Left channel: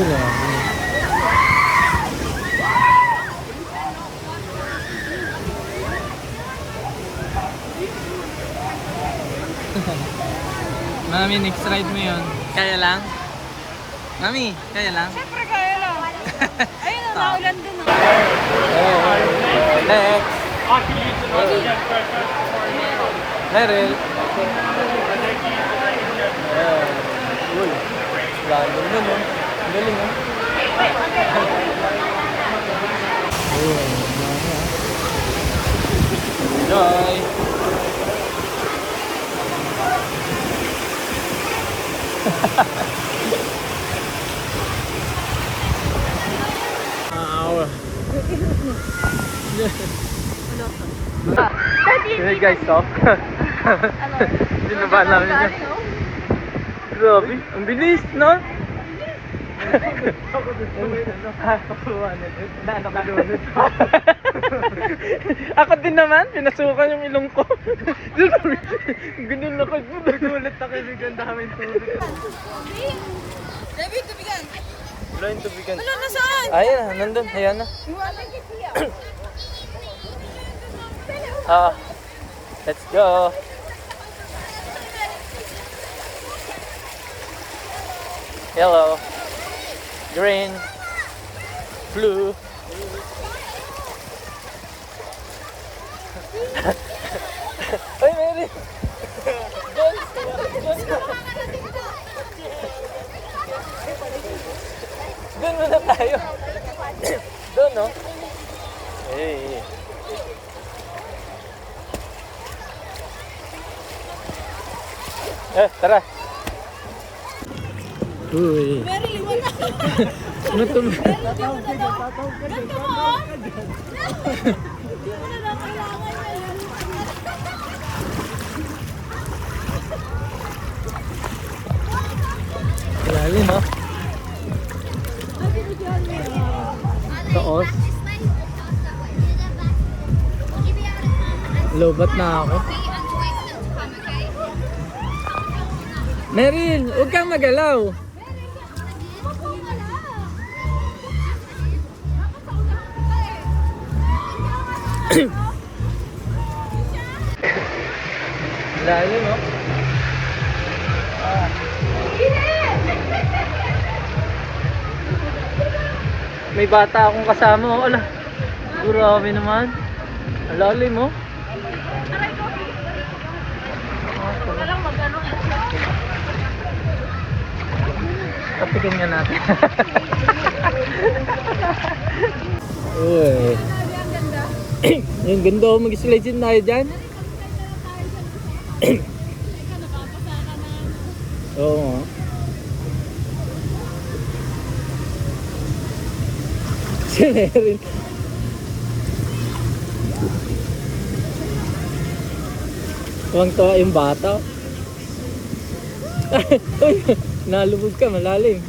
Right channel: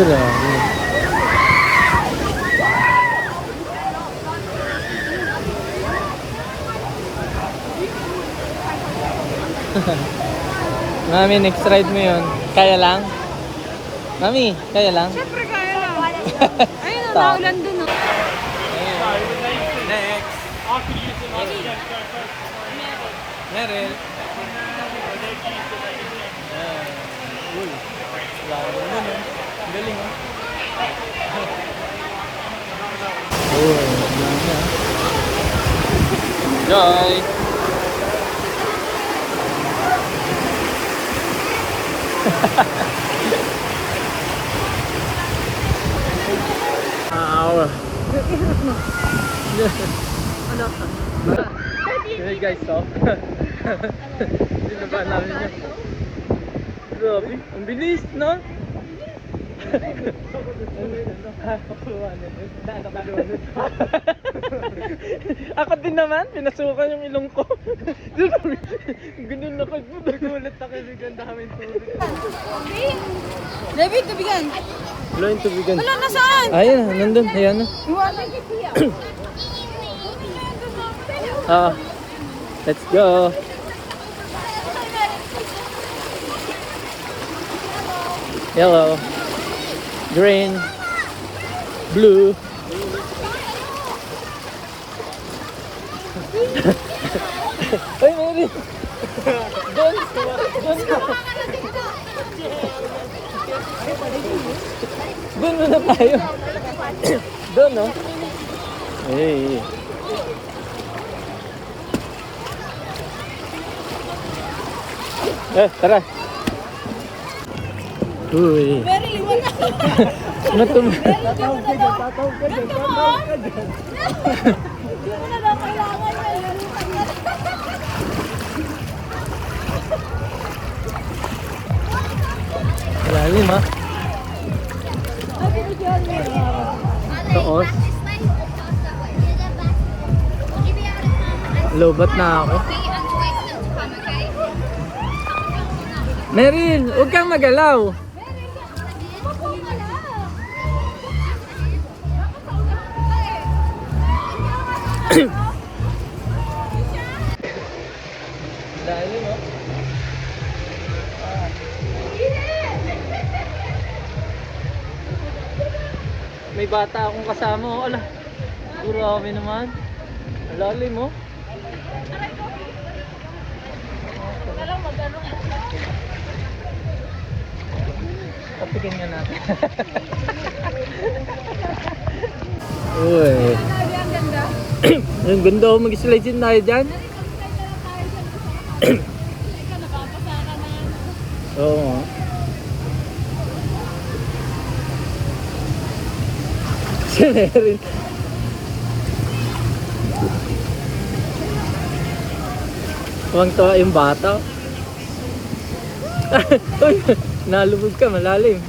Grabe. Mami, next ride mo yun. Kaya lang? Mami, kaya lang? Siyempre kaya lang. Ayun na, naulan dun. Next. Meryl. Uy. Lalo na no. Galing ha. Uy. Enjoy. Hey guys, stop. Binaba namin yun. Grabe, ang bilis, no? Ako din naman, pinasukan yung ilong ko. Ganun lakad mo. Nagulat na kaibigan, daming tubig. David, tubigan. Wala yung tubigan. Wala na saan? Ayan na, nandun, ayan na. Let's go. Yellow, green, blue. Ay, Mary! Doon! Doon muna tayo. Doon, no? Hey. Tara. Uy. Very liwan na. Matum. Tatawag ka dyan. Hindi mo na lang kailangan yan. Lalim, no? Toos. Lobat na ako. Meryl, huwag kang magalaw. Lalo, no? May bata akong kasama, oh. Ala, grabe naman. Lalim, oh. Kapikin nga natin. Uy. Ang ganda. Ang ganda, oh. Mag-slide din tayo dyan. Oo. Si Meryl. Tuwang-tuwa yung bata. Uy, nalubog ka, malalim.